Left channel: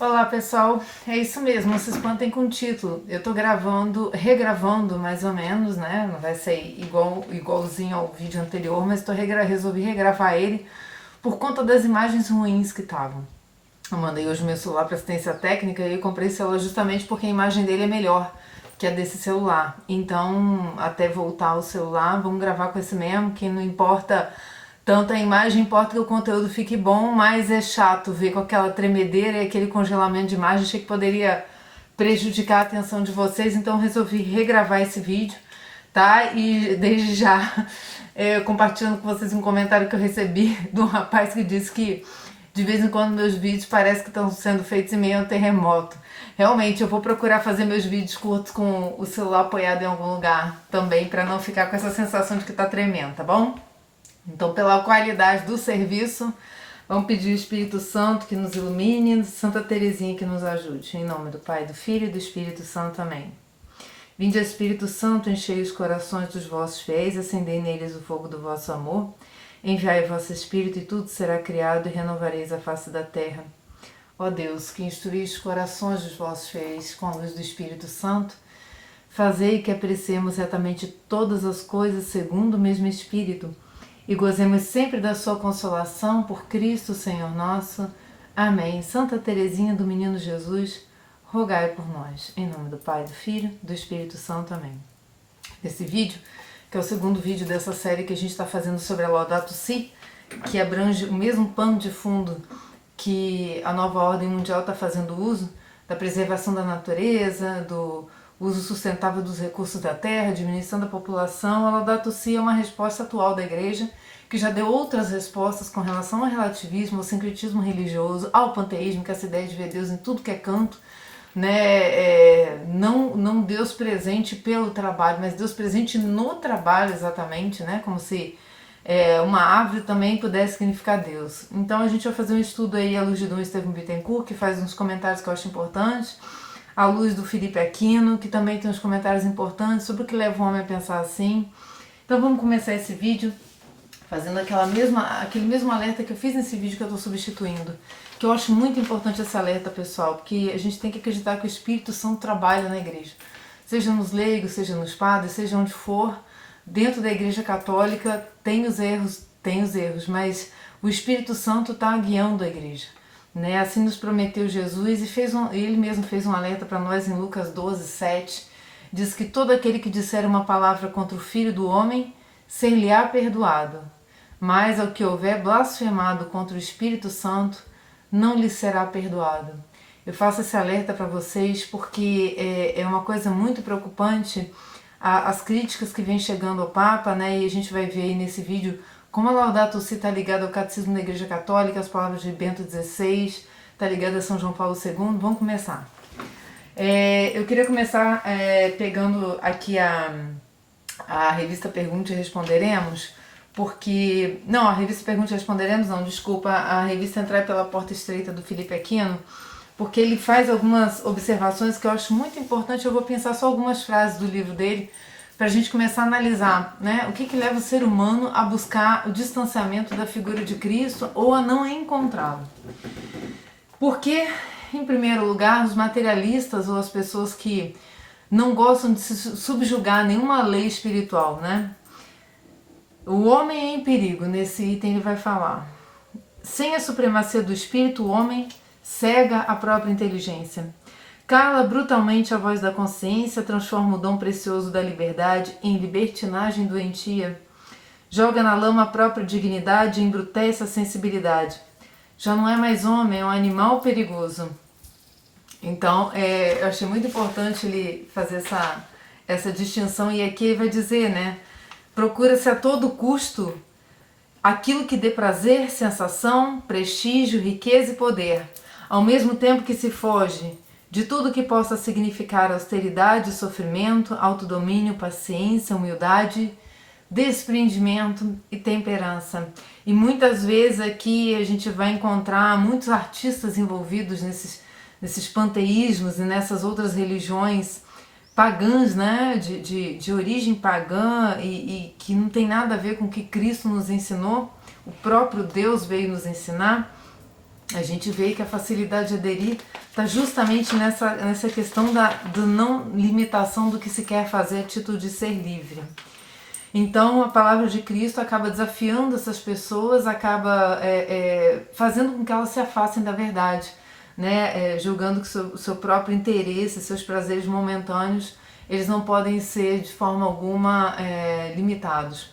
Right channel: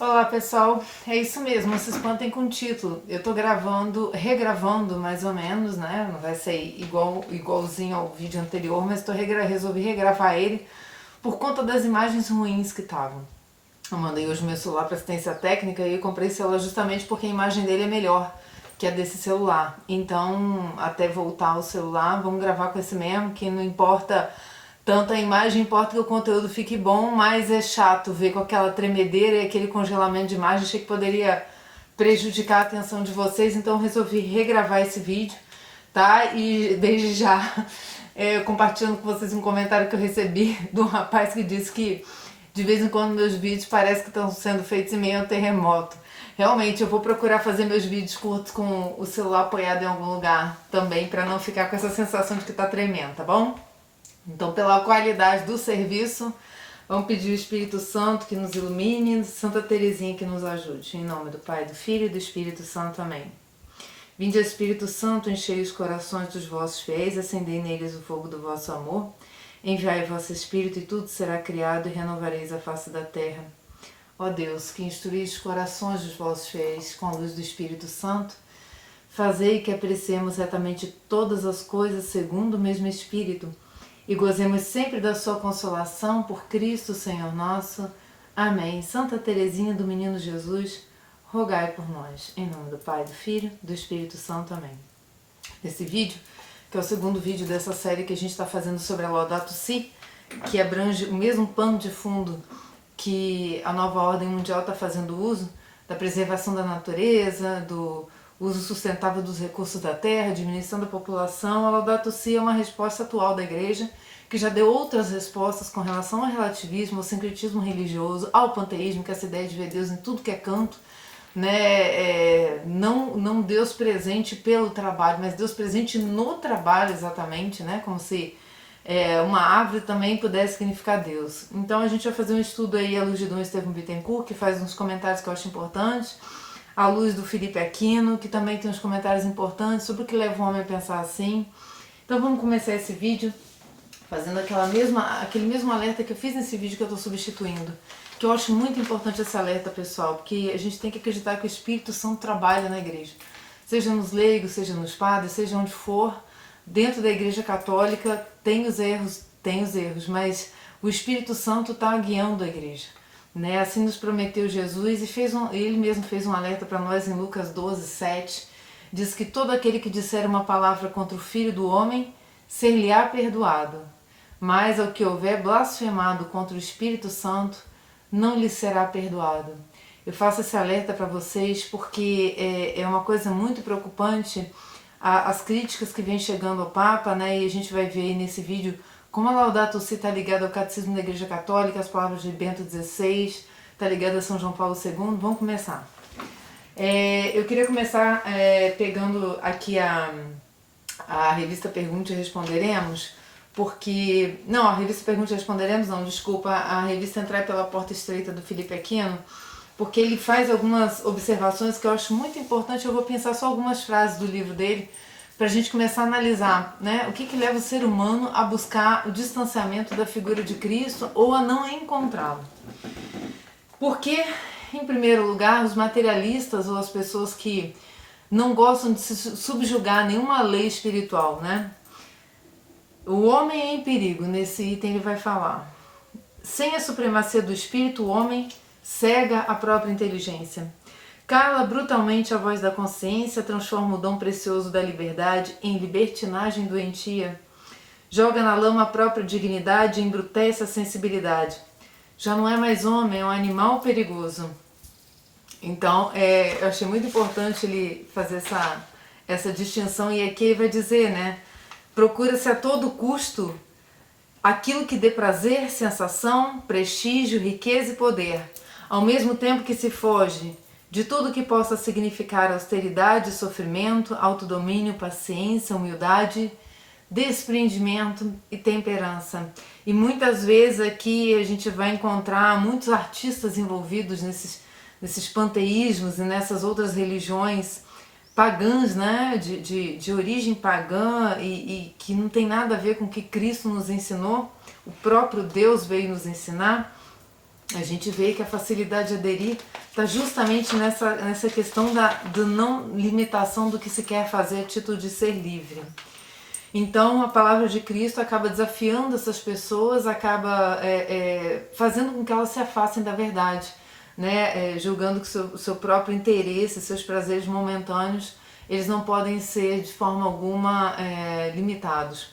Olá pessoal, é isso mesmo, não se espantem com o título. Eu tô regravando mais ou menos, né? Não vai ser igualzinho ao vídeo anterior, mas resolvi regravar ele por conta das imagens ruins que estavam. Eu mandei hoje meu celular para assistência técnica e eu comprei esse celular justamente porque a imagem dele é melhor que a desse celular. Então, até voltar o celular, vamos gravar com esse mesmo, que não importa tanto a imagem, importa que o conteúdo fique bom, mas é chato ver com aquela tremedeira e aquele congelamento de imagem. Achei que poderia prejudicar a atenção de vocês, então resolvi regravar esse vídeo, tá? E desde já compartilhando com vocês um comentário que eu recebi de um rapaz que disse que de vez em quando meus vídeos parece que estão sendo feitos em meio a terremoto. Realmente, eu vou procurar fazer meus vídeos curtos com o celular apoiado em algum lugar também, para não ficar com essa sensação de que tá tremendo, tá bom? Então, pela qualidade do serviço, vamos pedir o Espírito Santo que nos ilumine, Santa Teresinha que nos ajude. Em nome do Pai, do Filho e do Espírito Santo. Amém. Vinde, Espírito Santo, enchei os corações dos vossos fiéis, acendei neles o fogo do vosso amor. Enviai o vosso Espírito e tudo será criado e renovareis a face da terra. Ó Deus, que instruís os corações dos vossos fiéis com a luz do Espírito Santo, fazei que apreciemos retamente todas as coisas segundo o mesmo Espírito e gozemos sempre da sua consolação por Cristo, Senhor nosso. Amém. Santa Teresinha do Menino Jesus, rogai por nós. Em nome do Pai, do Filho e do Espírito Santo. Amém. Esse vídeo, que é o segundo vídeo dessa série que a gente está fazendo sobre a Laudato Si, que abrange o mesmo pano de fundo que a nova ordem mundial está fazendo uso, da preservação da natureza, do uso sustentável dos recursos da terra, diminuição da população. A Laudato Si é uma resposta atual da Igreja, que já deu outras respostas com relação ao relativismo, ao sincretismo religioso, ao panteísmo, que é essa ideia de ver Deus em tudo que é canto, né? Não Deus presente pelo trabalho, mas Deus presente no trabalho exatamente, né? Como se uma árvore também pudesse significar Deus. Então a gente vai fazer um estudo aí à luz de Dom Estevão Bittencourt, que faz uns comentários que eu acho importantes, à luz do Felipe Aquino, que também tem uns comentários importantes sobre o que leva o homem a pensar assim. Então vamos começar esse vídeo fazendo aquele mesmo alerta que eu fiz nesse vídeo que eu estou substituindo, que eu acho muito importante esse alerta, pessoal, porque a gente tem que acreditar que o Espírito Santo trabalha na igreja, seja nos leigos, seja nos padres, seja onde for. Dentro da Igreja Católica tem os erros, mas o Espírito Santo está guiando a igreja, né? Assim nos prometeu Jesus e ele mesmo fez um alerta para nós em Lucas 12:7. Diz que todo aquele que disser uma palavra contra o Filho do Homem, ser-lhe-á perdoado, mas ao que houver blasfemado contra o Espírito Santo, não lhe será perdoado. Eu faço esse alerta para vocês porque é uma coisa muito preocupante as críticas que vêm chegando ao Papa, né? E a gente vai ver aí nesse vídeo como a Laudato Si está ligada ao Catecismo da Igreja Católica, as palavras de Bento XVI, está ligada a São João Paulo II. Vamos começar. Eu queria começar pegando aqui a revista Pergunte e Responderemos, porque... Não, a revista Pergunte e Responderemos não, desculpa, a revista Entrar pela Porta Estreita do Felipe Aquino, porque ele faz algumas observações que eu acho muito importante. Eu vou pensar só algumas frases do livro dele, para a gente começar a analisar, né, o que leva o ser humano a buscar o distanciamento da figura de Cristo ou a não encontrá-lo. Porque, em primeiro lugar, os materialistas ou as pessoas que não gostam de se subjugar a nenhuma lei espiritual, né? O homem é em perigo, nesse item ele vai falar. Sem a supremacia do espírito, o homem cega a própria inteligência. Cala brutalmente a voz da consciência, transforma o dom precioso da liberdade em libertinagem doentia. Joga na lama a própria dignidade e embrutece a sensibilidade. Já não é mais homem, é um animal perigoso. Então, eu achei muito importante ele fazer essa distinção, e aqui ele vai dizer, né? Procura-se a todo custo aquilo que dê prazer, sensação, prestígio, riqueza e poder, ao mesmo tempo que se foge de tudo que possa significar austeridade, sofrimento, autodomínio, paciência, humildade, desprendimento e temperança. E muitas vezes aqui a gente vai encontrar muitos artistas envolvidos nesses panteísmos e nessas outras religiões pagãs, né, de origem pagã e que não tem nada a ver com o que Cristo nos ensinou, o próprio Deus veio nos ensinar. A gente vê que a facilidade de aderir está está justamente nessa questão da não limitação do que se quer fazer a título de ser livre. Então a palavra de Cristo acaba desafiando essas pessoas, acaba fazendo com que elas se afastem da verdade, né? Julgando que o seu próprio interesse, seus prazeres momentâneos, eles não podem ser de forma alguma limitados.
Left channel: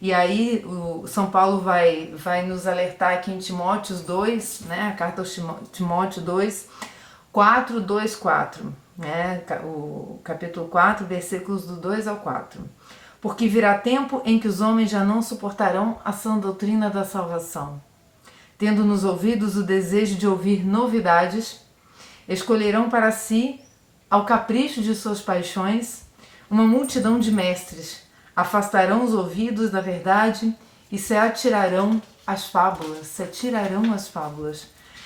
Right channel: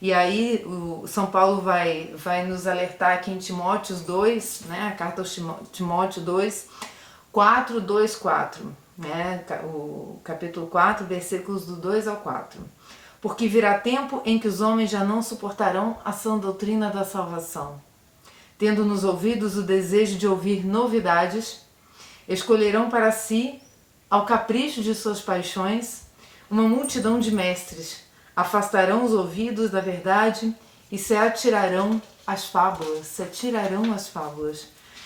E aí o São Paulo vai nos alertar aqui em Timóteo 2, né? A carta aos Timóteo 2, 4, 2, 4, né? O capítulo 4, versículos do 2 ao 4. Porque virá tempo em que os homens já não suportarão a sã doutrina da salvação. Tendo nos ouvidos o desejo de ouvir novidades, escolherão para si, ao capricho de suas paixões, uma multidão de mestres, afastarão os ouvidos da verdade e se atirarão às fábulas.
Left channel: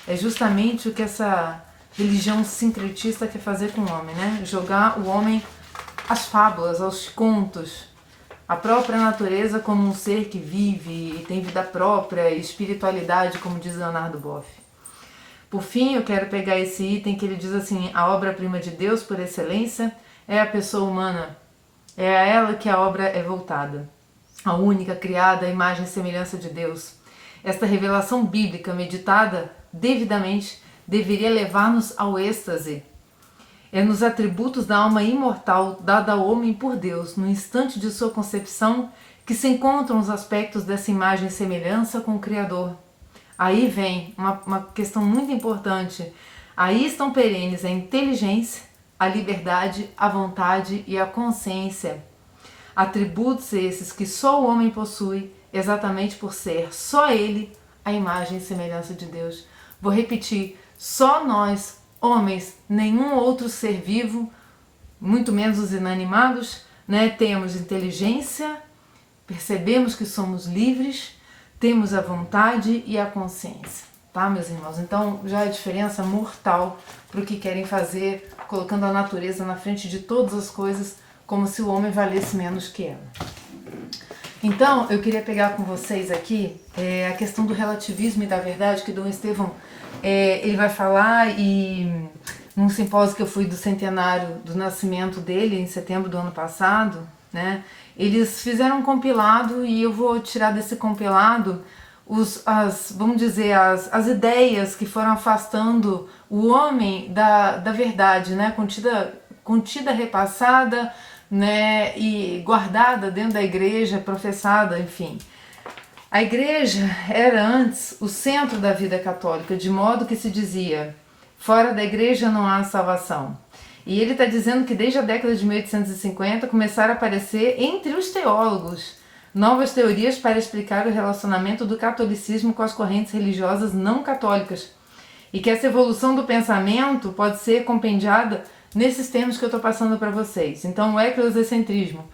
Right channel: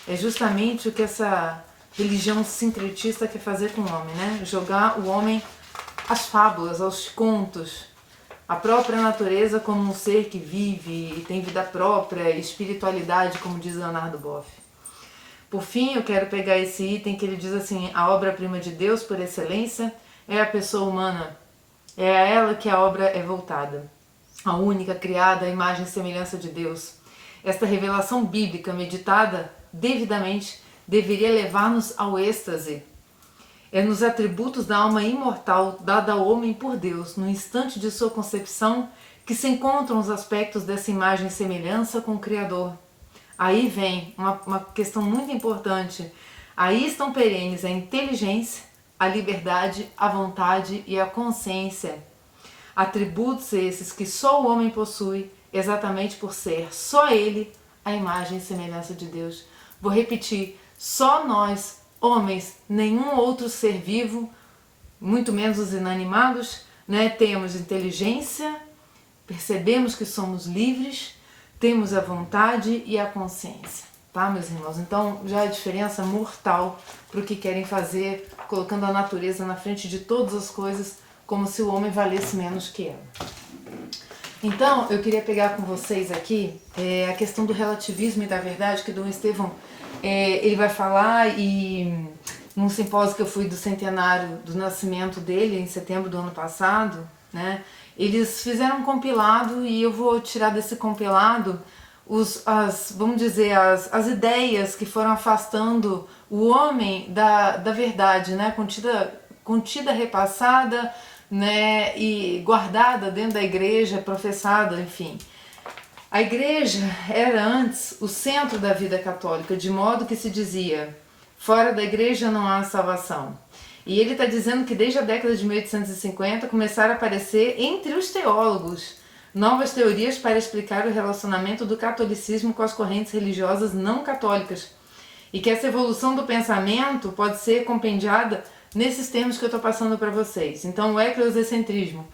É justamente o que essa religião sincretista quer fazer com o homem, né? Jogar o homem às fábulas, aos contos, a própria natureza como um ser que vive e tem vida própria, espiritualidade, como diz Leonardo Boff. Por fim, eu quero pegar esse item que ele diz assim: a obra-prima de Deus por excelência é a pessoa humana, é a ela que a obra é voltada, a única criada à imagem e semelhança de Deus. Esta revelação bíblica meditada devidamente deveria levar-nos ao êxtase. É nos atributos da alma imortal dada ao homem por Deus, no instante de sua concepção, que se encontram os aspectos dessa imagem e semelhança com o Criador. Aí vem uma questão muito importante. Aí estão perenes a inteligência, a liberdade, a vontade e a consciência. Atributos esses que só o homem possui, exatamente por ser só ele a imagem e semelhança de Deus. Vou repetir, só nós, homens, nenhum outro ser vivo, muito menos os inanimados, né, temos inteligência, percebemos que somos livres, temos a vontade e a consciência, tá, meus irmãos? Então já é a diferença mortal para o que querem fazer, colocando a natureza na frente de todas as coisas, como se o homem valesse menos que ela. Então eu queria pegar com vocês aqui a questão do relativismo e da verdade, que Dom Estevão ele vai falar, e num simpósio que eu fui do centenário do nascimento dele, em setembro do ano passado, né, eles fizeram um compilado e eu vou tirar desse compilado vamos dizer, as ideias que foram afastando o homem da verdade, né, contida, repassada, né, e guardada dentro da igreja, professada, enfim. A igreja era antes o centro da vida católica, de modo que se dizia: fora da igreja não há salvação. E ele está dizendo que desde a década de 1850 começaram a aparecer entre os teólogos novas teorias para explicar o relacionamento do catolicismo com as correntes religiosas não católicas, e que essa evolução do pensamento pode ser compendiada nesses termos que eu estou passando para vocês. Então, o eclesiocentrismo,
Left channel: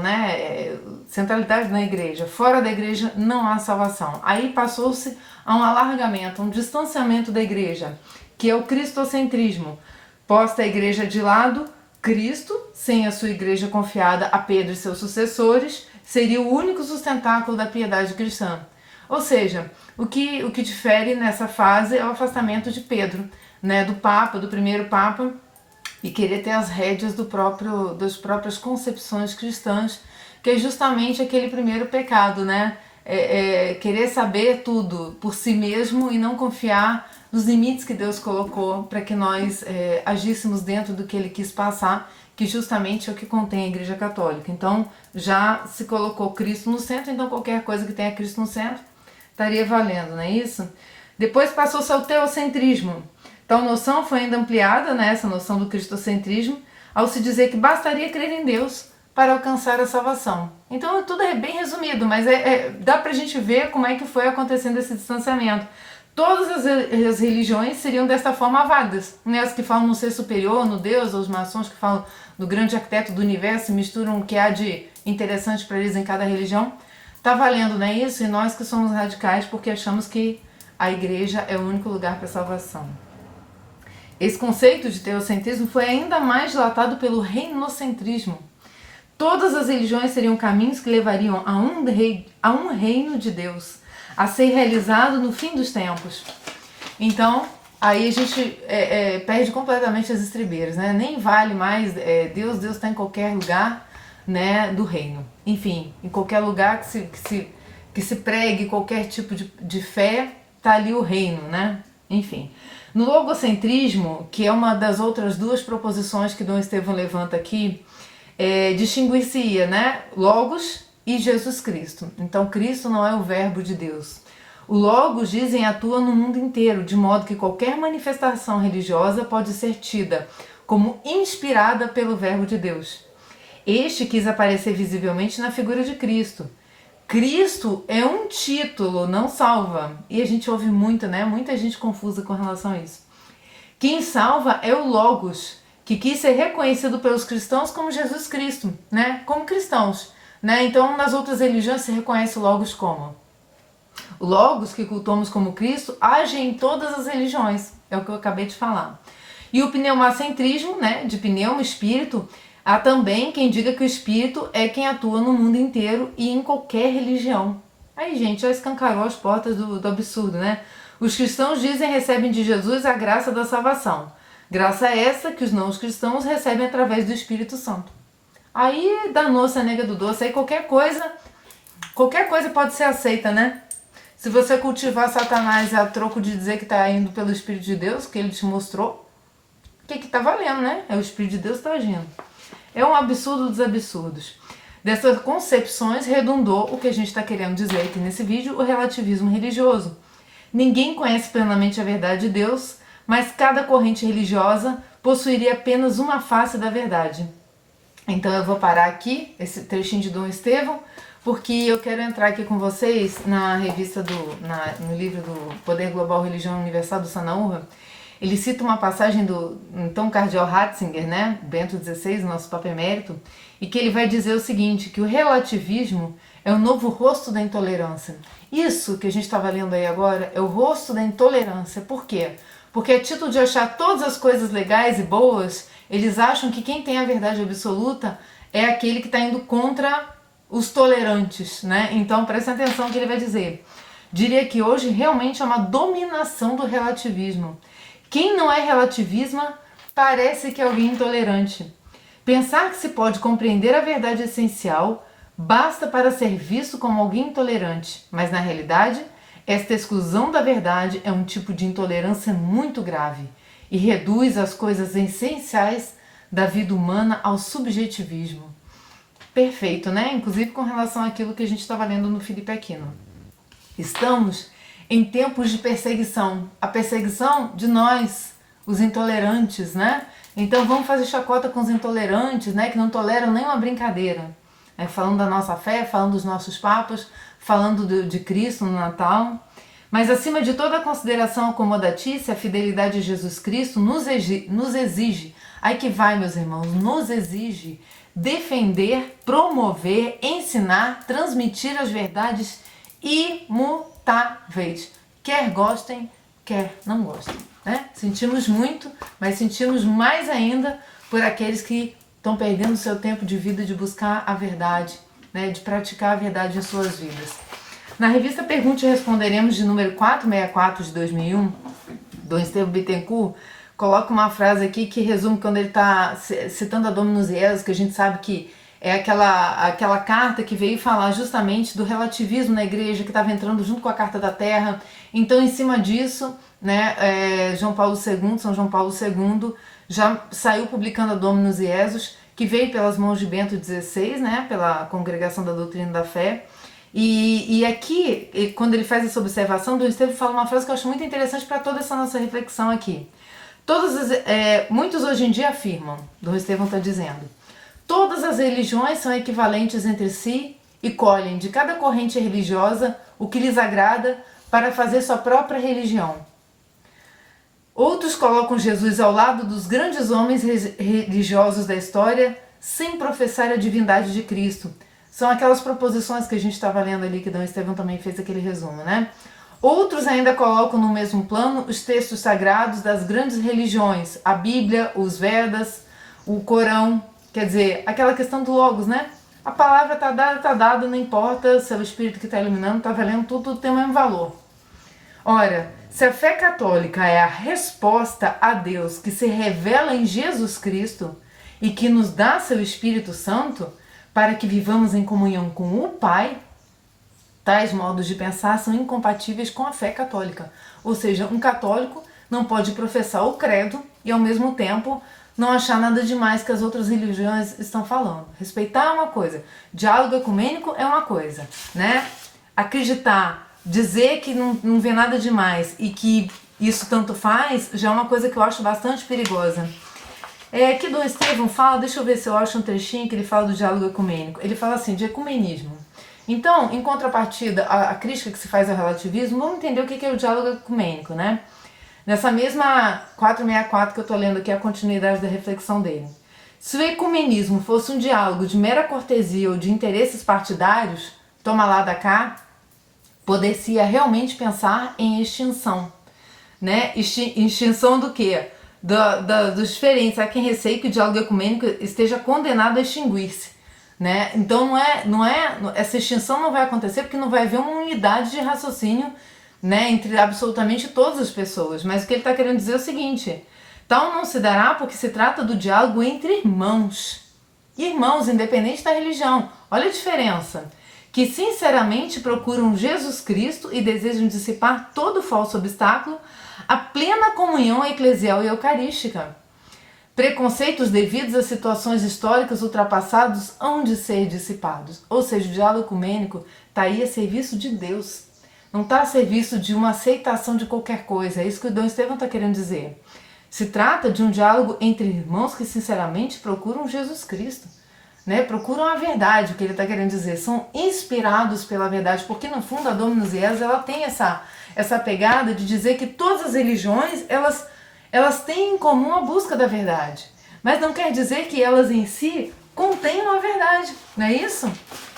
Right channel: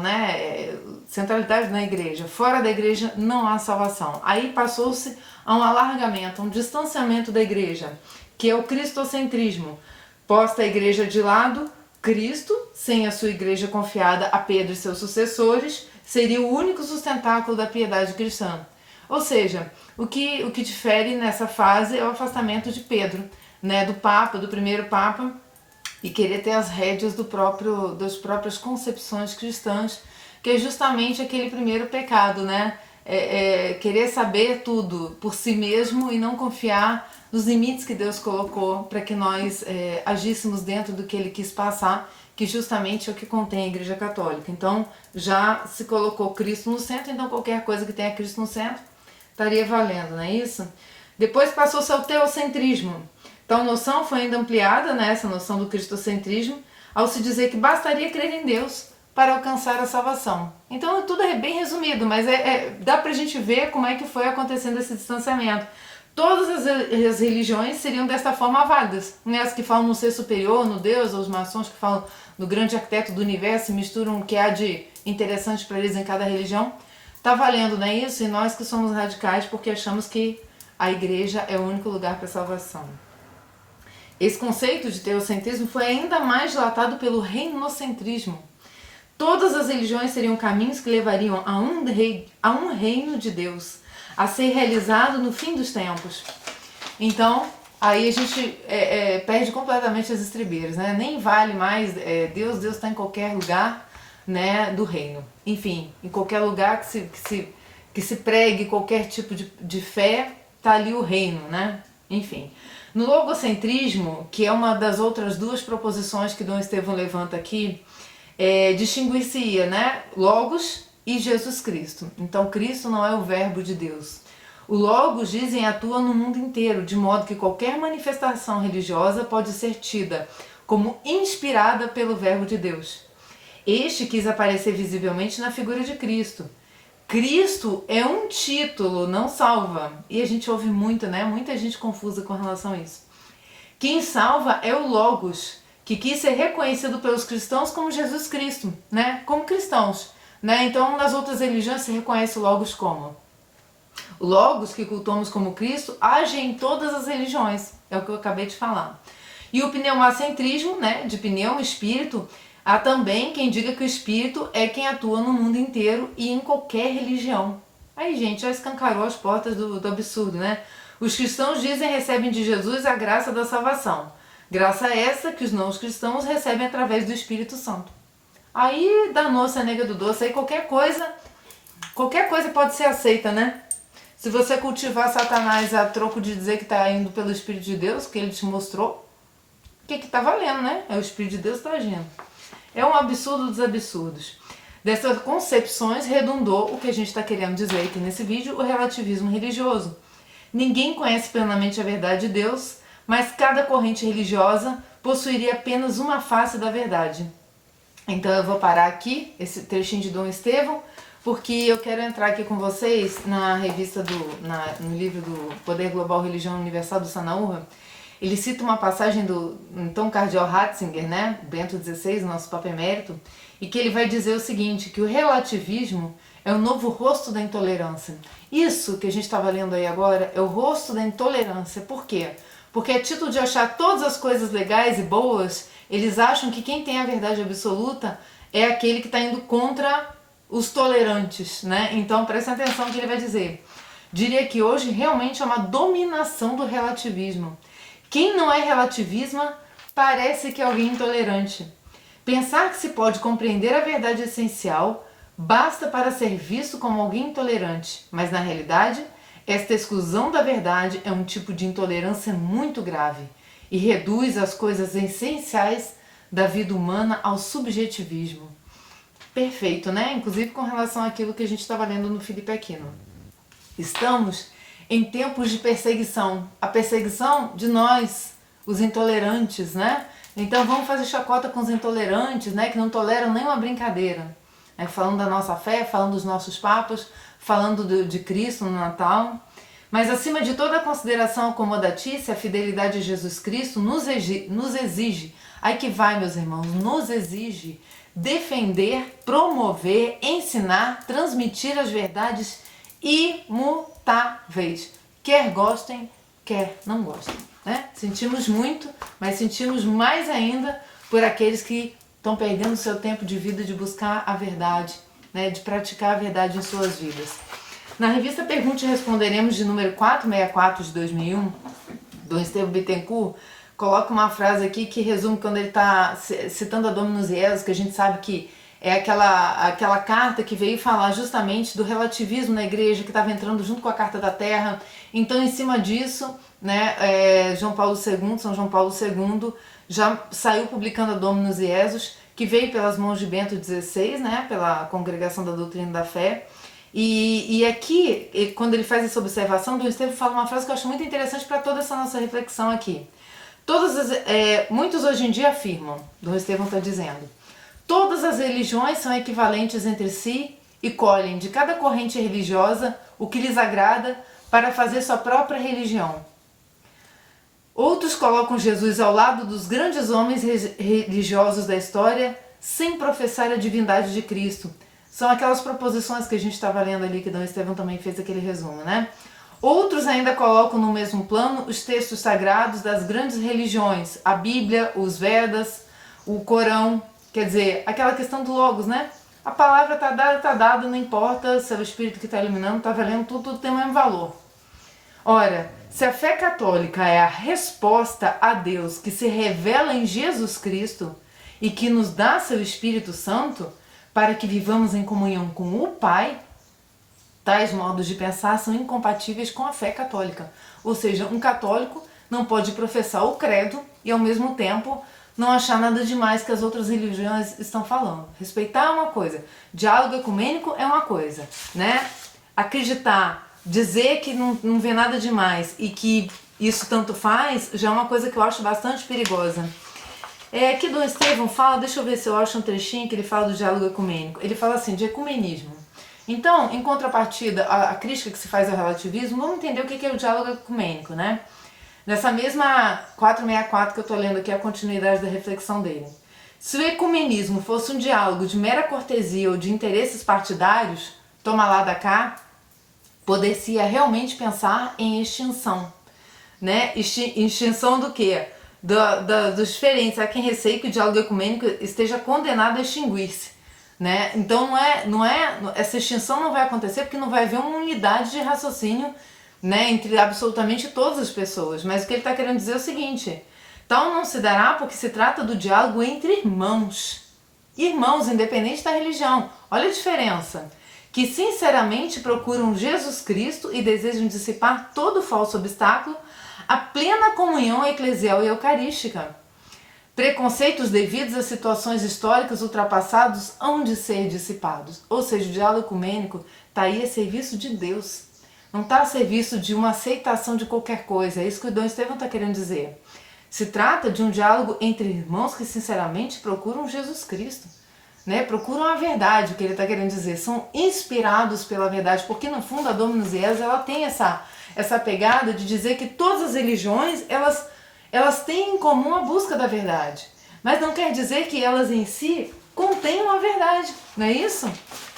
né? Centralidade na igreja. Fora da igreja não há salvação. Aí passou-se a um alargamento, um distanciamento da igreja, que é o cristocentrismo. Posta a igreja de lado, Cristo, sem a sua igreja confiada a Pedro e seus sucessores, seria o único sustentáculo da piedade cristã. Ou seja, o que difere nessa fase é o afastamento de Pedro, né, do Papa, do primeiro Papa, e querer ter as rédeas das próprias concepções cristãs, que é justamente aquele primeiro pecado, né? Querer saber tudo por si mesmo e não confiar nos limites que Deus colocou para que nós agíssemos dentro do que Ele quis passar, que justamente é o que contém a Igreja Católica. Então já se colocou Cristo no centro, então qualquer coisa que tenha Cristo no centro estaria valendo, não é isso? Depois passou-se ao teocentrismo. Tal noção foi ainda ampliada, né, essa noção do cristocentrismo, ao se dizer que bastaria crer em Deus para alcançar a salvação. Então tudo é bem resumido, mas dá pra gente ver como é que foi acontecendo esse distanciamento. Todas as religiões seriam dessa forma válidas, né? As que falam no ser superior, no Deus, ou os maçons que falam no grande arquiteto do universo, misturam o que há de interessante para eles em cada religião. Tá valendo, não é isso? E nós que somos radicais porque achamos que a igreja é o único lugar para a salvação. Esse conceito de teocentrismo foi ainda mais dilatado pelo reinocentrismo. Todas as religiões seriam caminhos que levariam a um reino de Deus, a ser realizado no fim dos tempos. Então, aí a gente perde completamente as estribeiras, né? Nem vale mais Deus está em qualquer lugar, né, do reino. Enfim, em qualquer lugar que se pregue qualquer tipo de fé, tá ali o reino, né? Enfim. No logocentrismo, que é uma das outras duas proposições que Dom Estevão levanta aqui, distinguir-se-ia, né, Logos e Jesus Cristo. Então, Cristo não é o verbo de Deus. O Logos, dizem, atua no mundo inteiro, de modo que qualquer manifestação religiosa pode ser tida como inspirada pelo verbo de Deus. Este quis aparecer visivelmente na figura de Cristo. Cristo é um título, não salva. E a gente ouve muito, né? Muita gente confusa com relação a isso. Quem salva é o Logos, que quis ser reconhecido pelos cristãos como Jesus Cristo, né? Como cristãos, né? Então, nas outras religiões se reconhece o Logos como? O Logos, que cultuamos como Cristo, age em todas as religiões, é o que eu acabei de falar. E o pneumacentrismo, né, de pneuma, espírito, há também quem diga que o espírito é quem atua no mundo inteiro e em qualquer religião. Aí, gente, já escancarou as portas do absurdo, né? Os cristãos dizem recebem de Jesus a graça da salvação. Graça essa que os não cristãos recebem através do Espírito Santo. Aí danou-se a nega do doce, aí qualquer coisa pode ser aceita, né? Se você cultivar Satanás a troco de dizer que está indo pelo Espírito de Deus, que ele te mostrou, o que está valendo, né? É o Espírito de Deus que está agindo. É um absurdo dos absurdos. Dessas concepções redundou o que a gente está querendo dizer aqui nesse vídeo, o relativismo religioso. Ninguém conhece plenamente a verdade de Deus, mas cada corrente religiosa possuiria apenas uma face da verdade. Então eu vou parar aqui, esse trechinho de Dom Estevão, porque eu quero entrar aqui com vocês na revista no livro do Poder Global, Religião Universal do Sanaúra. Ele cita uma passagem do então cardeal Ratzinger, né, Bento XVI, nosso Papa Emérito, e que ele vai dizer o seguinte, que o relativismo é o novo rosto da intolerância. Isso que a gente estava lendo aí agora é o rosto da intolerância. Por quê? Porque a título de achar todas as coisas legais e boas, eles acham que quem tem a verdade absoluta é aquele que está indo contra os tolerantes, né? Então presta atenção no que ele vai dizer. Diria que hoje realmente é uma dominação do relativismo. Quem não é relativista parece que é alguém intolerante. Pensar que se pode compreender a verdade essencial basta para ser visto como alguém intolerante, mas na realidade, esta exclusão da verdade é um tipo de intolerância muito grave e reduz as coisas essenciais da vida humana ao subjetivismo. Perfeito, né? Inclusive com relação àquilo que a gente estava lendo no Felipe Aquino. Estamos em tempos de perseguição. A perseguição de nós, os intolerantes, né? Então vamos fazer chacota com os intolerantes, né? Que não toleram nenhuma brincadeira. Falando da nossa fé, falando dos nossos papas, falando de Cristo no Natal. Mas acima de toda a consideração acomodatícia, a fidelidade a Jesus Cristo nos exige, aí que vai, meus irmãos, nos exige defender, promover, ensinar, transmitir as verdades imutáveis. Quer gostem, quer não gostem. Né? Sentimos muito, mas sentimos mais ainda por aqueles que estão perdendo seu tempo de vida de buscar a verdade, né? De praticar a verdade em suas vidas. Na revista Pergunte e Responderemos, de número 464 de 2001, Dom Estevão Bittencourt coloca uma frase aqui que resume quando ele está citando a Dominus Jesus, que a gente sabe que é aquela carta que veio falar justamente do relativismo na igreja, que estava entrando junto com a Carta da Terra. Então, em cima disso, né, São João Paulo II, já saiu publicando a Dominus Jesus, que veio pelas mãos de Bento XVI, né, pela Congregação da Doutrina da Fé. E aqui, quando ele faz essa observação, Dom Estevão fala uma frase que eu acho muito interessante para toda essa nossa reflexão aqui. Muitos hoje em dia afirmam, Dom Estevão está dizendo, todas as religiões são equivalentes entre si e colhem de cada corrente religiosa o que lhes agrada para fazer sua própria religião. Outros colocam Jesus ao lado dos grandes homens religiosos da história sem professar a divindade de Cristo. São aquelas proposições que a gente estava lendo ali, que Dom Estevão também fez aquele resumo, né? Outros ainda colocam no mesmo plano os textos sagrados das grandes religiões, a Bíblia, os Vedas, o Corão, quer dizer, aquela questão do Logos, né? A palavra está dada, não importa se é o Espírito que está iluminando, está valendo, tudo tem o mesmo valor. Ora, Se a fé católica é a resposta a Deus que se revela em Jesus Cristo e que nos dá seu Espírito Santo para que vivamos em comunhão com o Pai, tais modos de pensar são incompatíveis com a fé católica. Ou seja, um católico não pode professar o credo e ao mesmo tempo não achar nada demais que as outras religiões estão falando. Respeitar é uma coisa, diálogo ecumênico é uma coisa, né? Acreditar, dizer que não vê nada demais e que isso tanto faz, já é uma coisa que eu acho bastante perigosa. Aqui Dom Estevão fala, deixa eu ver se eu acho um trechinho que ele fala do diálogo ecumênico. Ele fala assim, de ecumenismo. Então, em contrapartida, a crítica que se faz ao relativismo, vamos entender o que é o diálogo ecumênico, né? Nessa mesma 464 que eu estou lendo aqui, a continuidade da reflexão dele. Se o ecumenismo fosse um diálogo de mera cortesia ou de interesses partidários, toma lá da cá, poder-se realmente pensar em extinção, né? Extinção do quê? Dos diferentes. Há quem receie que o diálogo ecumênico esteja condenado a extinguir-se, né? Então essa extinção não vai acontecer porque não vai haver uma unidade de raciocínio, né, entre absolutamente todas as pessoas. Mas o que ele está querendo dizer é o seguinte: tal não se dará porque se trata do diálogo entre irmãos. Irmãos, independente da religião. Olha a diferença. Que sinceramente procuram Jesus Cristo e desejam dissipar todo falso obstáculo à plena comunhão eclesial e eucarística. Preconceitos devidos a situações históricas ultrapassadas hão de ser dissipados. Ou seja, o diálogo ecumênico está aí a serviço de Deus. Não está a serviço de uma aceitação de qualquer coisa. É isso que o Dom Estevão está querendo dizer. Se trata de um diálogo entre irmãos que sinceramente procuram Jesus Cristo, né? Procuram a verdade, o que ele está querendo dizer. São inspirados pela verdade, porque no fundo a Dominus Jesus, ela tem essa pegada de dizer que todas as religiões, elas têm em comum a busca da verdade. Mas não quer dizer que elas em si contenham a verdade, não é isso?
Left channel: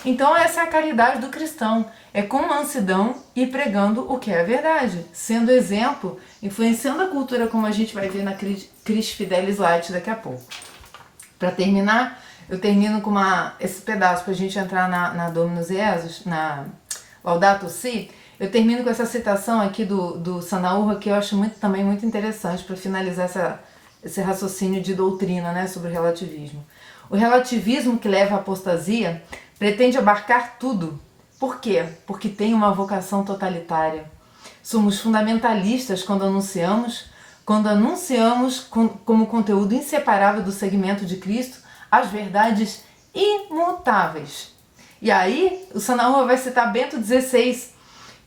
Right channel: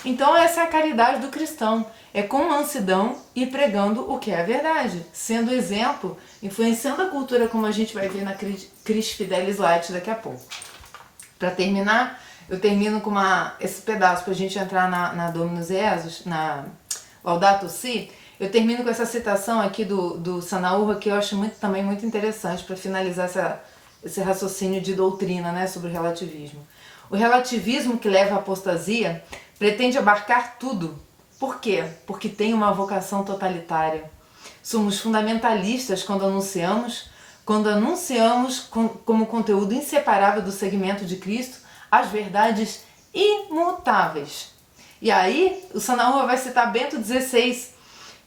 Então essa é a caridade do cristão. É com mansidão e pregando o que é a verdade, sendo exemplo, influenciando a cultura, como a gente vai ver na Christ Fidelis Light daqui a pouco. Para terminar, eu termino com esse pedaço para a gente entrar na Dominus Jesus, na Laudato Si. Eu termino com essa citação aqui do Sanaúra, que eu acho também muito interessante para finalizar esse raciocínio de doutrina, né, sobre o relativismo. O relativismo que leva à apostasia pretende abarcar tudo. Por quê? Porque tem uma vocação totalitária. Somos fundamentalistas quando anunciamos como conteúdo inseparável do segmento de Cristo as verdades imutáveis. E aí, o Sanaúra vai citar Bento XVI,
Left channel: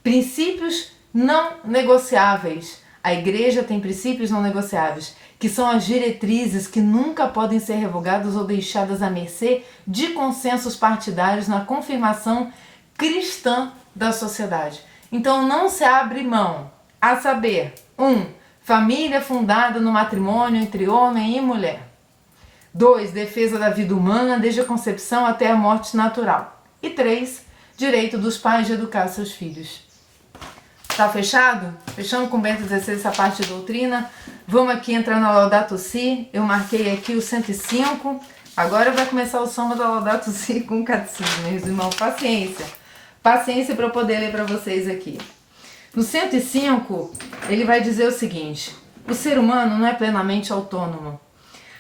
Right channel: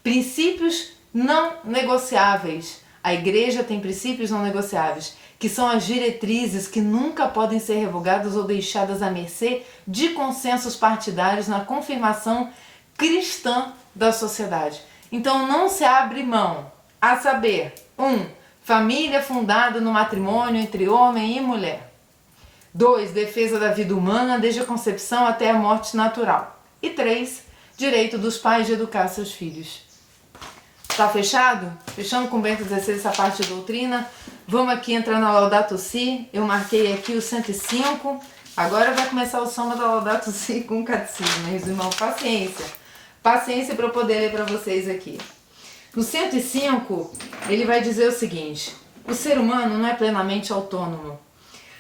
princípios não negociáveis. A Igreja tem princípios não negociáveis, que são as diretrizes que nunca podem ser revogadas ou deixadas à mercê de consensos partidários na confirmação cristã da sociedade. Então não se abre mão, a saber, 1. Família fundada no matrimônio entre homem e mulher. 2. Defesa da vida humana desde a concepção até a morte natural. E 3. Direito dos pais de educar seus filhos. Tá fechado? Fechando com Bento XVI essa parte de doutrina. Vamos aqui entrar na Laudato Si. Eu marquei aqui o 105. Agora vai começar o samba da Laudato Si com o catecismo, meus irmãos. Paciência. Paciência para eu poder ler para vocês aqui. No 105, ele vai dizer o seguinte: o ser humano não é plenamente autônomo.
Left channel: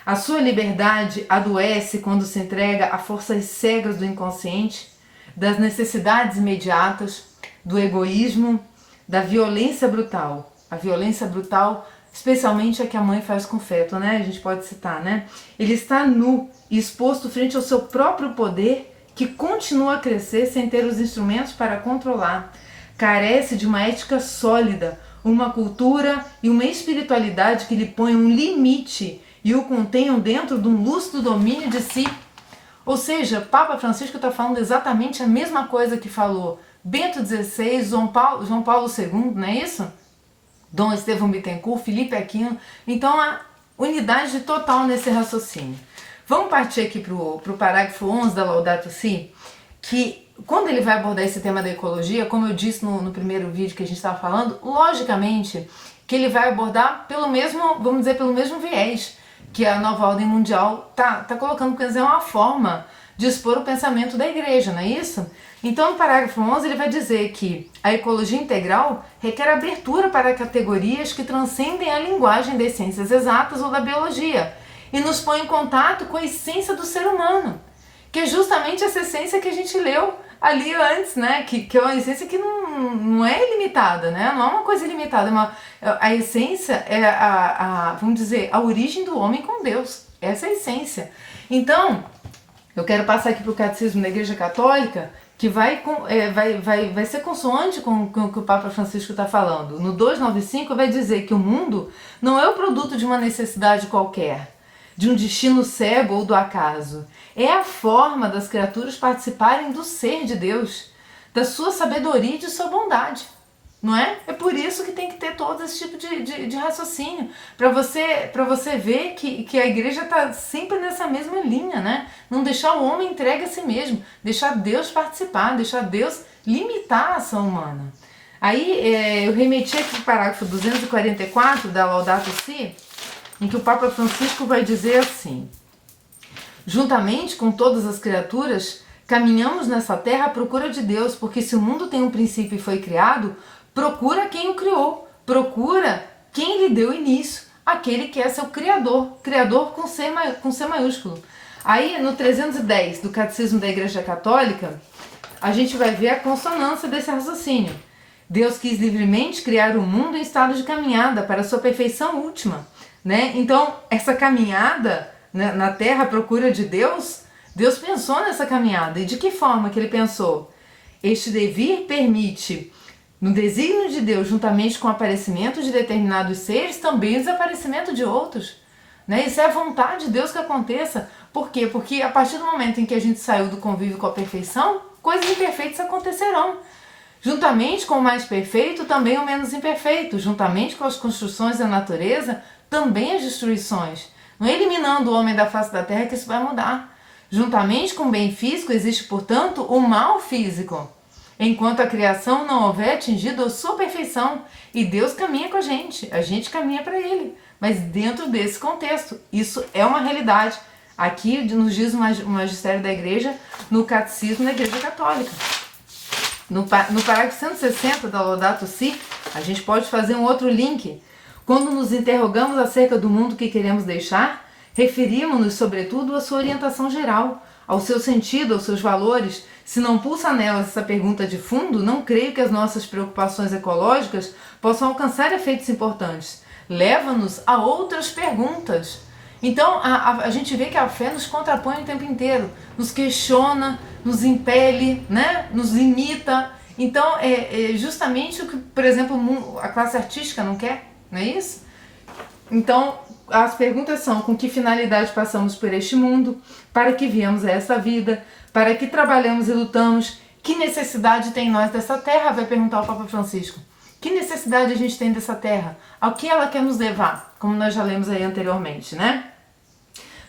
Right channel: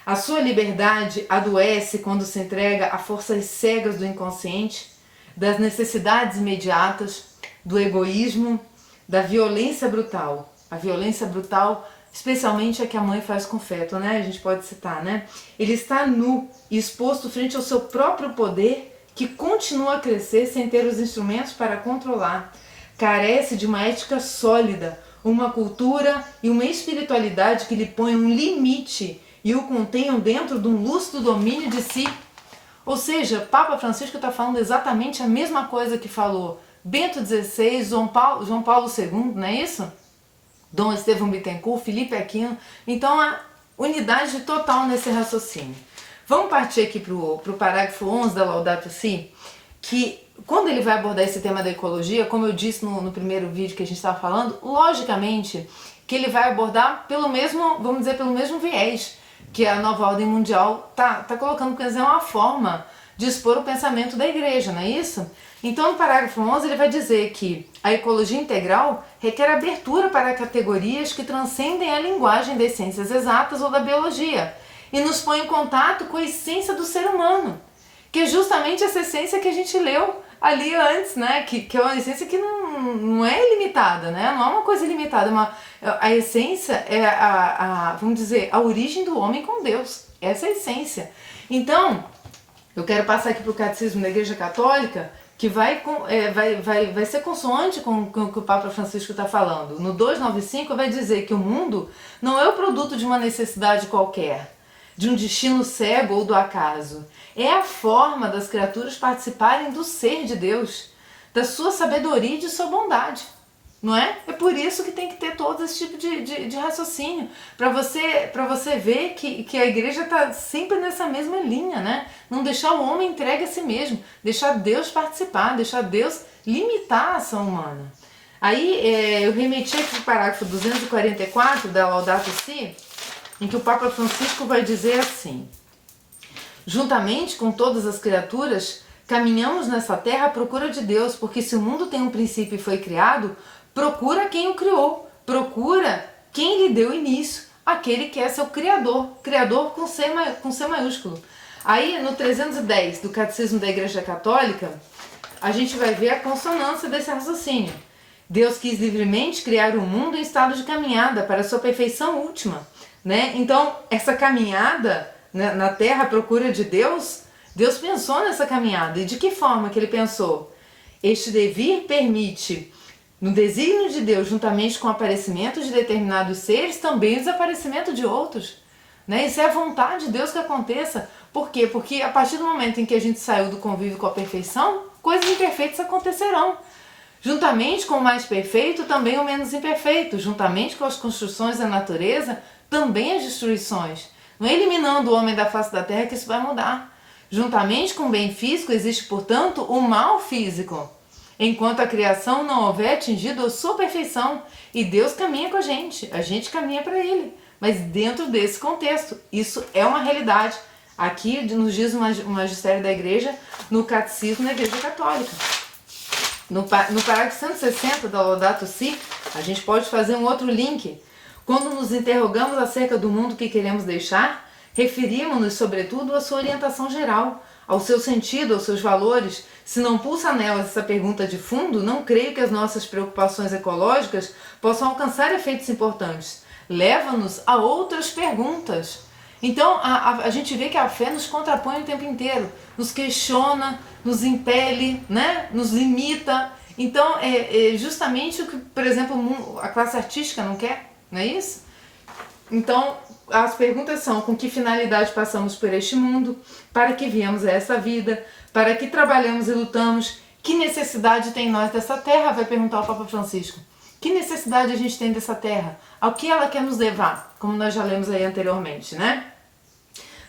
A sua liberdade adoece quando se entrega a forças cegas do inconsciente, das necessidades imediatas, do egoísmo, da violência brutal. A violência brutal, especialmente a que a mãe faz com o feto, né? A gente pode citar, né? Ele está nu e exposto frente ao seu próprio poder, que continua a crescer sem ter os instrumentos para controlar. Carece de uma ética sólida, uma cultura e uma espiritualidade que lhe ponham um limite e o contenham dentro de um lúcido domínio de si. Ou seja, Papa Francisco está falando exatamente a mesma coisa que falou Bento XVI, João Paulo II, não é isso? Dom Estevão Bittencourt, Felipe Aquino. Então, a unidade total nesse raciocínio. Vamos partir aqui para o parágrafo 11 da Laudato Si, que quando ele vai abordar esse tema da ecologia, como eu disse no primeiro vídeo que a gente estava falando, logicamente que ele vai abordar pelo mesmo, vamos dizer, pelo mesmo viés que a nova ordem mundial tá colocando, quer dizer, uma forma de expor o pensamento da igreja, não é isso? Então, no parágrafo 11, ele vai dizer que a ecologia integral requer abertura para categorias que transcendem a linguagem das ciências exatas ou da biologia e nos põe em contato com a essência do ser humano, que é justamente essa essência que a gente leu ali antes, né? Que é uma essência que não é ilimitada, né? Não é uma coisa ilimitada, a essência é vamos dizer, a origem do homem com Deus. Essa é a essência. Então, eu quero passar aqui para o Catecismo da Igreja Católica, que vai ser consoante com o que o Papa Francisco está falando. No 295 vai dizer que o mundo não é o produto de uma necessidade qualquer, de um destino cego ou do acaso. É a forma das criaturas participarem do ser de Deus, da sua sabedoria e de sua bondade. Não é? É por isso que tem que ter todo esse tipo de raciocínio, para você ver que a igreja está sempre nessa mesma linha, né? Não deixar o homem entregue a si mesmo, deixar Deus participar, deixar Deus limitar a ação humana. Aí eu remeti aqui para o parágrafo 244 da Laudato Si, em que o Papa Francisco vai dizer assim: juntamente com todas as criaturas, caminhamos nessa terra à procura de Deus, porque se o mundo tem um princípio e foi criado, procura quem o criou, procura quem lhe deu início, aquele que é seu Criador, Criador com C maiúsculo. Aí no 310 do Catecismo da Igreja Católica, a gente vai ver a consonância desse raciocínio. Deus quis livremente criar o mundo em estado de caminhada para a sua perfeição última, né? Então, essa caminhada, né, na Terra à procura de Deus, Deus pensou nessa caminhada. E de que forma que ele pensou? Este devir permite, no desígnio de Deus, juntamente com o aparecimento de determinados seres, também o desaparecimento de outros. Né? Isso é a vontade de Deus que aconteça. Por quê? Porque a partir do momento em que a gente saiu do convívio com a perfeição, coisas imperfeitas acontecerão. Juntamente com o mais perfeito, também o menos imperfeito. Juntamente com as construções da natureza, também as destruições. Não é eliminando o homem da face da terra que isso vai mudar. Juntamente com o bem físico, existe, portanto, o mal físico. Enquanto a criação não houver atingido a sua perfeição, e Deus caminha com a gente caminha para Ele, mas dentro desse contexto, isso é uma realidade. Aqui nos diz o magistério da Igreja, no Catecismo da Igreja Católica. No parágrafo 160 da Laudato Si, a gente pode fazer um outro link. Quando nos interrogamos acerca do mundo que queremos deixar, referimos-nos, sobretudo, à sua orientação geral, ao seu sentido, aos seus valores. Se não pulsa nelas essa pergunta de fundo, não creio que as nossas preocupações ecológicas possam alcançar efeitos importantes. Leva-nos a outras perguntas. Então, a gente vê que a fé nos contrapõe o tempo inteiro, nos questiona, nos impele, né? Nos limita. Então, é justamente o que, por exemplo, a classe artística não quer, não é isso? Então, as perguntas são: com que finalidade passamos por este mundo? Para que viemos a essa vida? Para que trabalhamos e lutamos? Que necessidade tem nós dessa terra? Vai perguntar o Papa Francisco. Que necessidade a gente tem dessa terra? Ao que ela quer nos levar? Como nós já lemos aí anteriormente, né?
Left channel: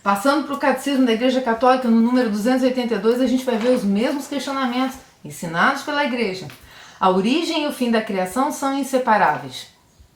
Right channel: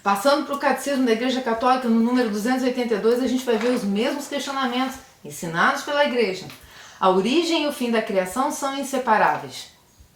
Passando para o Catecismo da Igreja Católica, no número 282, a gente vai ver os mesmos questionamentos ensinados pela Igreja. A origem e o fim da criação são inseparáveis.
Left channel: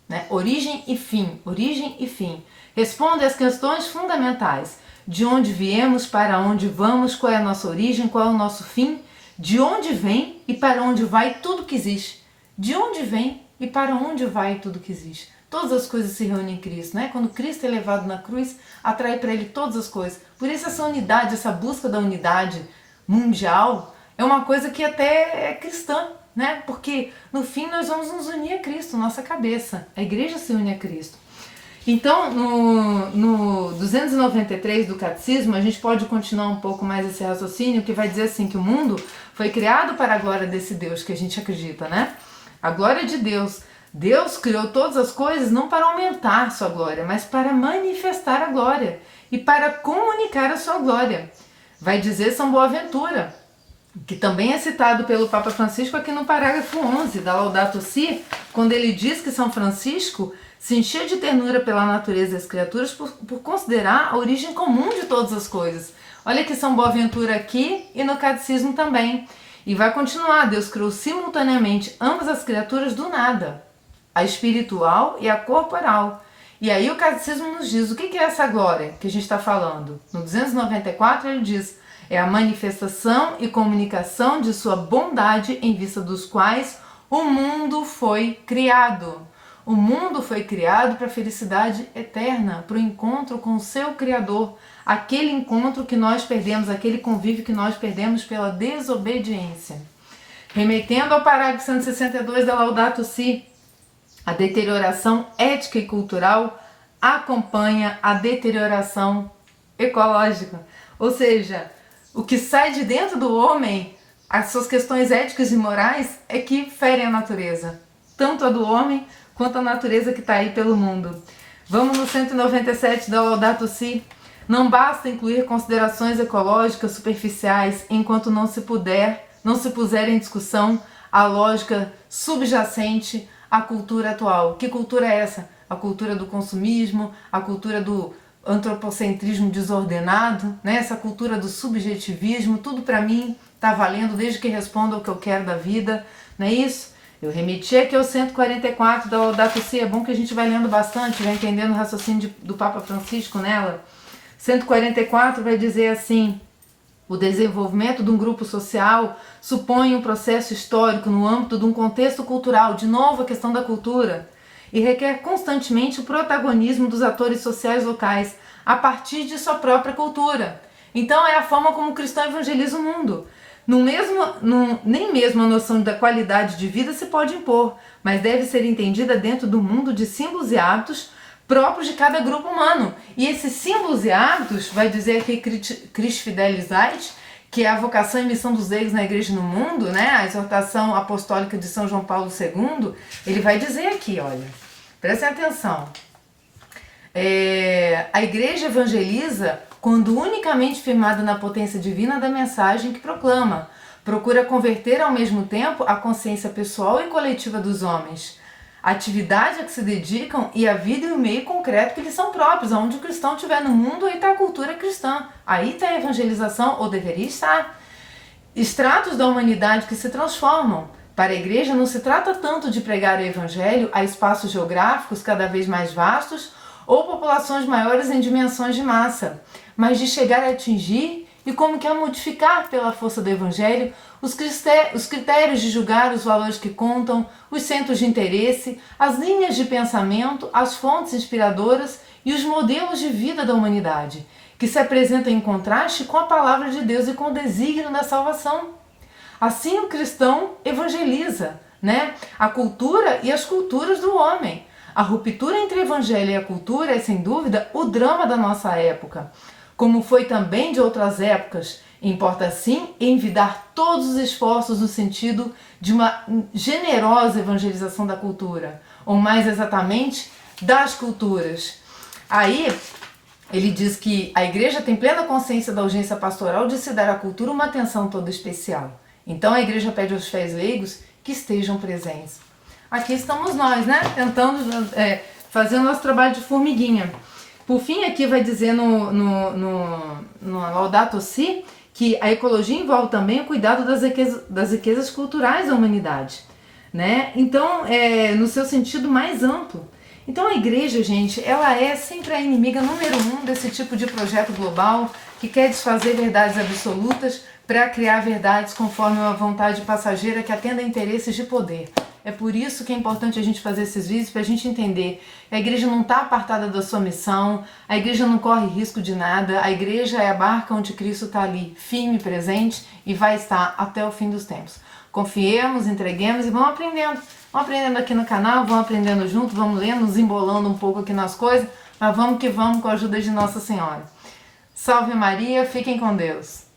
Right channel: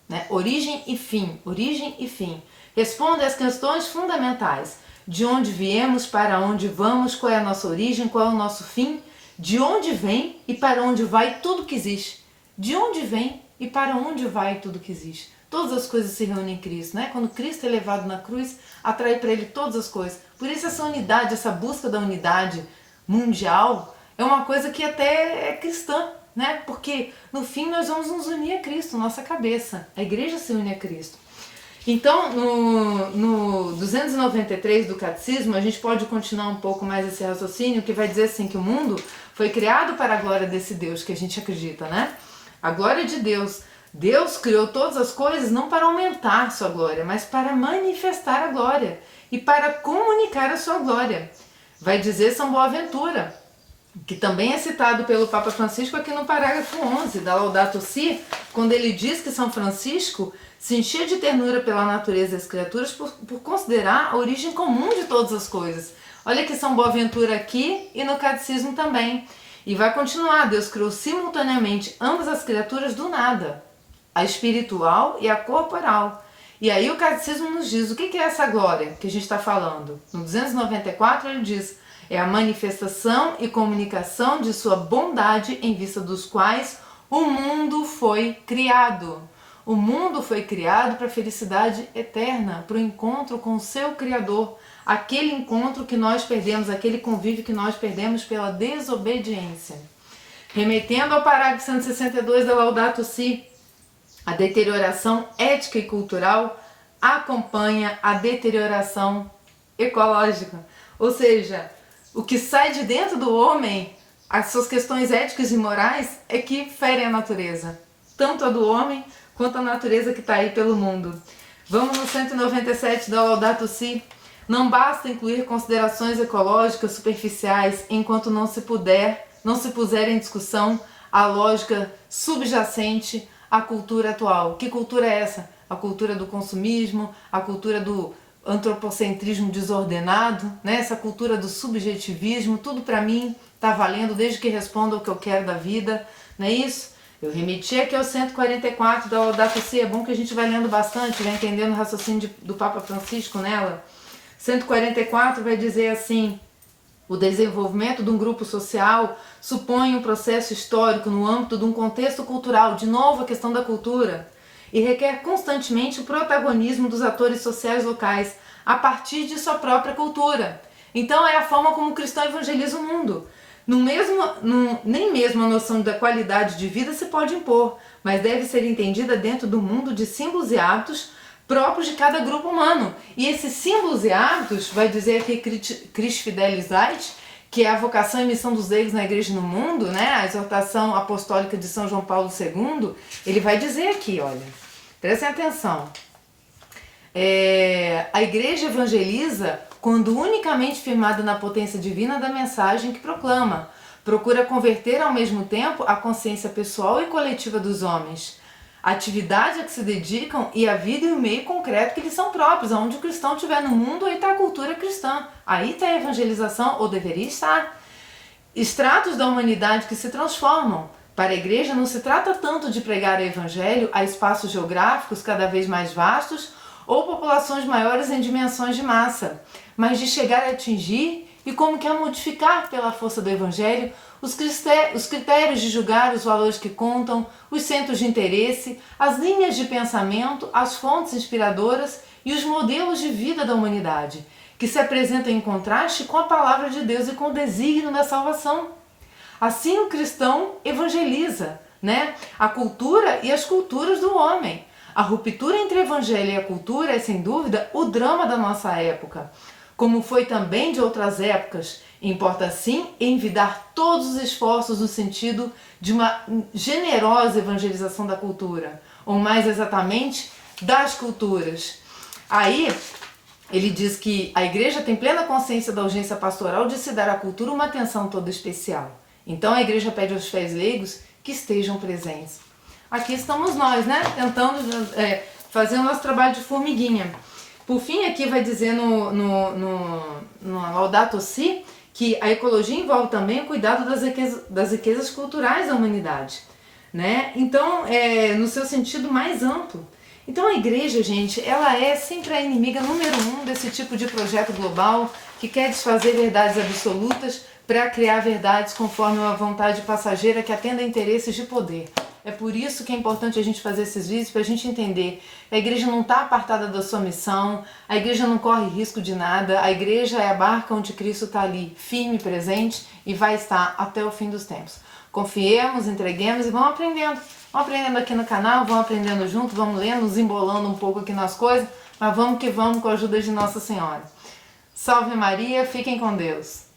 Né? Origem e fim. Responde às questões fundamentais. De onde viemos, para onde vamos, qual é a nossa origem, qual é o nosso fim, de onde vem e para onde vai tudo que existe. De onde vem e para onde vai tudo que existe. Todas as coisas se reúnem em Cristo, né? Quando Cristo é levado na cruz, atrai para ele todas as coisas. Por isso essa unidade, essa busca da unidade mundial é uma coisa que até é cristã, né? Porque no fim nós vamos nos unir a Cristo, nossa cabeça. A igreja se une a Cristo. Então, no 293 do Catecismo, a gente pode continuar um pouco mais esse raciocínio, que vai dizer assim, que o mundo foi criado para a glória desse Deus que a gente acredita, né? A glória de Deus. Deus criou todas as coisas não para aumentar sua glória, mas para manifestar a glória e para comunicar a sua glória. Vai dizer São Boaventura, que também é citado pelo Papa Francisco aqui no parágrafo 11 da Laudato Si, quando ele diz que São Francisco se encheu de ternura pela natureza das criaturas por considerar a origem comum de todas as coisas. Olha que São Boaventura aqui e no Catecismo também. E vai continuar, Deus criou simultaneamente ambas as criaturas do nada, a espiritual e a corporal. E aí o Catecismo nos diz o que é essa glória que a gente está falando. No 294 ele diz: É a manifestação e comunicação de sua bondade em vista dos quais o mundo foi criado. O mundo foi criado para a felicidade eterna, para o encontro com o seu Criador. Aquele encontro que nós perdemos, aquele convívio que nós perdemos pela desobediência. Remetendo ao parágrafo 162 da Laudato Si, a deterioração ética e cultural acompanha a deterioração ecológica. Ou seja, o que sai de dentro do homem, as suas questões éticas e morais, é que ferem a natureza. Tanto a do homem, quanto a natureza que está aí pelo mundo. Vamos no 197 da Laudato Si. Não basta incluir considerações ecológicas superficiais enquanto não se puser em discussão a lógica subjacente à cultura atual. Que cultura é essa? A cultura do consumismo, a cultura do antropocentrismo desordenado, né? Essa cultura do subjetivismo, tudo para mim está valendo desde que responda o que eu quero da vida, não é isso? Eu remeti aqui ao 144 da Laudato Si, é bom que a gente vai lendo bastante, vai entendendo o raciocínio do Papa Francisco nela. 144 vai dizer assim: o desenvolvimento de um grupo social supõe um processo histórico no âmbito de um contexto cultural, de novo a questão da cultura, e requer constantemente o protagonismo dos atores sociais locais a partir de sua própria cultura. Então é a forma como o cristão evangeliza o mundo. Nem mesmo a noção da qualidade de vida se pode impor, mas deve ser entendida dentro do mundo de símbolos e hábitos próprios de cada grupo humano. E esses símbolos e hábitos, vai dizer aqui Christ Fidelis Ait, que é a vocação e missão dos leigos na igreja no mundo, né? A exortação apostólica de São João Paulo II, ele vai dizer aqui, olha, prestem atenção. A igreja evangeliza quando unicamente firmada na potência divina da mensagem que proclama. Procura converter ao mesmo tempo a consciência pessoal e coletiva dos homens, a atividade a que se dedicam e a vida e o meio concreto que lhes são próprios. Onde o cristão estiver no mundo, aí está a cultura cristã, aí está a evangelização, ou deveria estar. Estratos da humanidade que se transformam. Para a igreja não se trata tanto de pregar o evangelho a espaços geográficos cada vez mais vastos ou populações maiores em dimensões de massa, mas de chegar a atingir e como que a modificar pela força do evangelho os critérios de julgar os valores que contam, os centros de interesse, as linhas de pensamento, as fontes inspiradoras e os modelos de vida da humanidade, que se apresentam em contraste com a palavra de Deus e com o desígnio da salvação. Assim o cristão evangeliza, né? A cultura e as culturas do homem. A ruptura entre o evangelho e a cultura é, sem dúvida, o drama da nossa época, como foi também de outras épocas. Importa, sim, envidar todos os esforços no sentido de uma generosa evangelização da cultura, ou mais exatamente, das culturas. Aí, ele diz que a igreja tem plena consciência da urgência pastoral de se dar à cultura uma atenção toda especial. Então a igreja pede aos fiéis leigos que estejam presentes. Aqui estamos nós, né? Tentando fazer o nosso trabalho de formiguinha. Por fim, aqui vai dizer no Laudato Si que a ecologia envolve também o cuidado das riquezas culturais da humanidade, né? Então, no seu sentido mais amplo. Então a igreja, gente, ela é sempre a inimiga número 1 desse tipo de projeto global que quer desfazer verdades absolutas para criar verdades conforme uma vontade passageira que atenda a interesses de poder. É por isso que é importante a gente fazer esses vídeos, para a gente entender. A igreja não está apartada da sua missão, a igreja não corre risco de nada, a igreja é a barca onde Cristo está ali, firme, presente e vai estar até o fim dos tempos. Confiemos, entreguemos e vamos aprendendo. Vamos aprendendo aqui no canal, vamos aprendendo junto, vamos lendo, nos embolando um pouco aqui nas coisas, mas vamos que vamos com a ajuda de Nossa Senhora. Salve Maria, fiquem com Deus.